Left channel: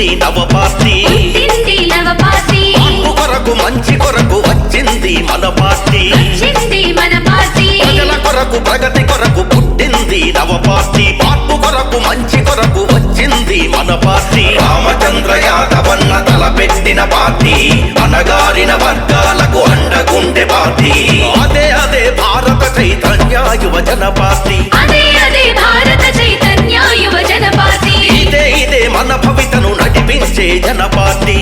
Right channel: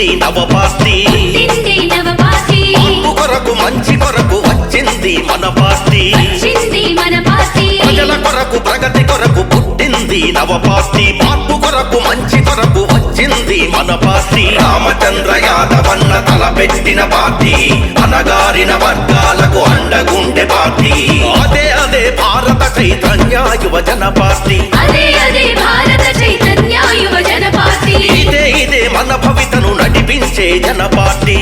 పుట్టింది నవ పార్టీ మార్పు కొరకు మంచి కొరకు వచ్చింది మన పార్టీ ప్రజల కొరకు ప్రగతి కొరకు పుట్టింది నవ పార్టీ మార్పు కొరకు మంచి కొరకు వచ్చింది మన పార్టీ రామచంద్ర యాదవన్న తలపెట్టిన పార్టీ అనగారిన వర్గాలకు అండగుండె పార్టీ అదే భారత చైతన్య యువజన పార్టీ ఇదే మన భవితను నడిపించే జన పార్టీ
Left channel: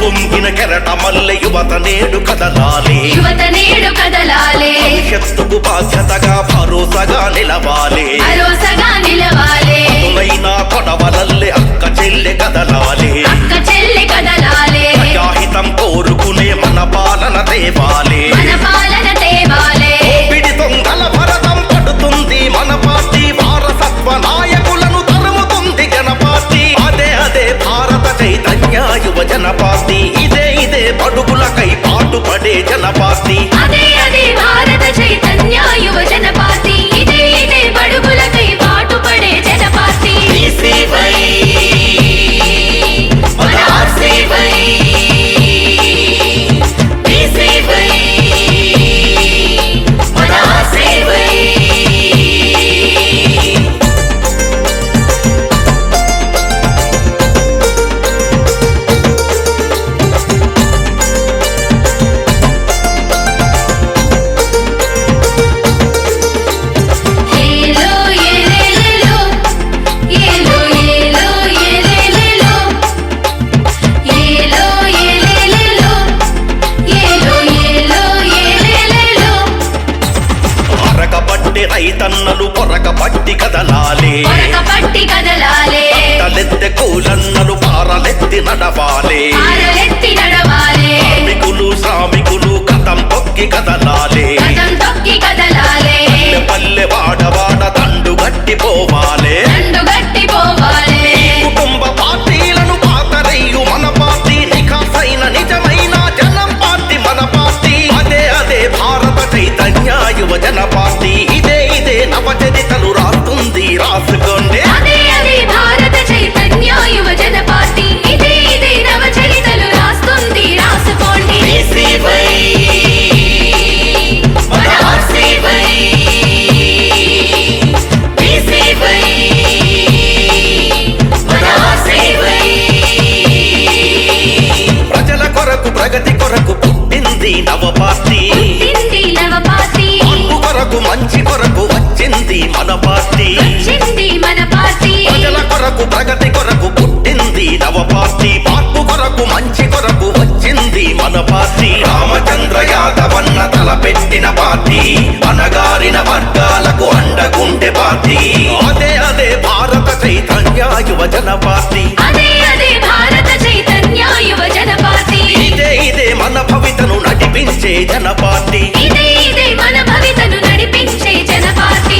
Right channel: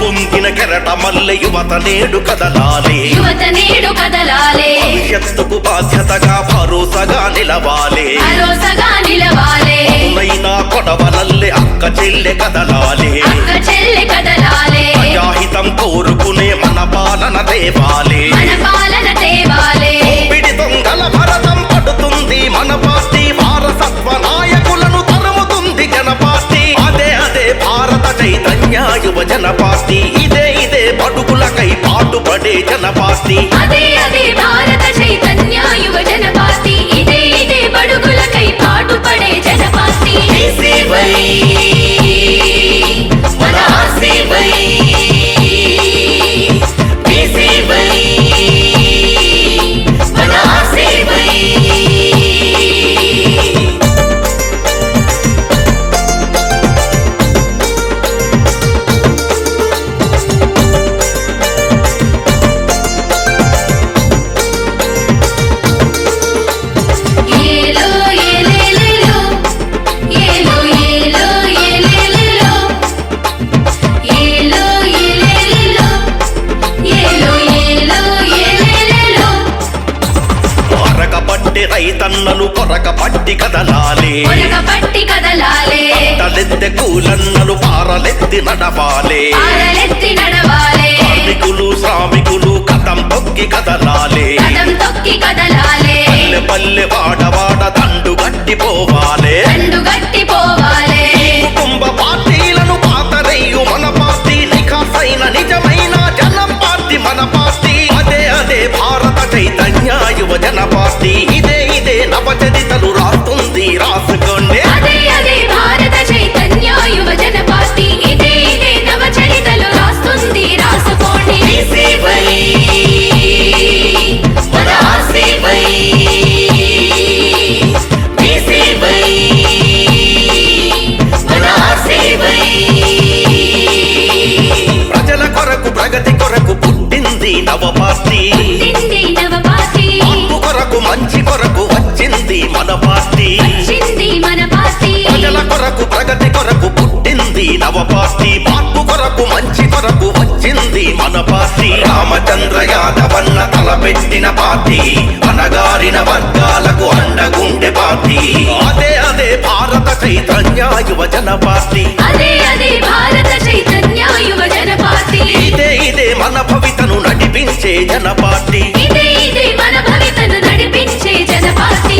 పొంగిన కెరట మల్లె యువత నేడు కదలాలి భవిష్యత్తుకు బాధ్యతగా భరోసాగా నిలవాలి పదునైనా కొడవలల్లే అక్క చెల్లె కదలాలి ప్రజాహితం కోరుకునే మన పాలన తేవాలి ఓపిడి దొంగల భరతం పడుతుంది మన పార్టీ వారసత్వ నాయకులను తరుముతుంది జన పార్టీ అదే భారత చైతన్య యువజన పార్టీ ఇదే బడుగులకై పాటుపడే జన పార్టీ భారత చైతన్య యువజన పార్టీ ఇదే బడుగులకై పాటుపడే జన పార్టీ పట్టి రైతన్నలు పొరక పట్టి కదలాలి తట్టలెత్తె కూలన్నలు పారలెత్తి నడవాలి కార్మికులు శ్రామికులు కథం తొక్కి కదలాలి పల్లె పల్లె వాడవాడ దండు గట్టిపోవాలి కుటుంబ పార్టీలను పాతరేయు మన పార్టీ నిఖాసైన నిజమైన జనం పార్టీ మన పార్టీ అదే భారత చైతన్య యువజన పార్టీ ఇదే నవచరితలు రాస్తుంది రాసుకోండి భారత చైతన్య యువజన పార్టీ ఇదే నవచరితలు రాస్తుంది రాసుకోండి ప్రజల కొరకు ప్రగతి కొరకు పుట్టింది నవ పార్టీ మార్పు కొరకు మంచి కొరకు వచ్చింది మన పార్టీ ప్రజల కొరకు ప్రగతి కొరకు పుట్టింది నవ పార్టీ మార్పు కొరకు మంచి కొరకు వచ్చింది మన పార్టీ రామచంద్ర యాదవన్న తలపెట్టిన పార్టీ అనగారిన వర్గాలకు అండగుండె పార్టీ అదే భారత చైతన్య యువజన పార్టీ ఇదే మన భవితను నడిపించే జన పార్టీ మన భవితను నడిపించే జన పార్టీ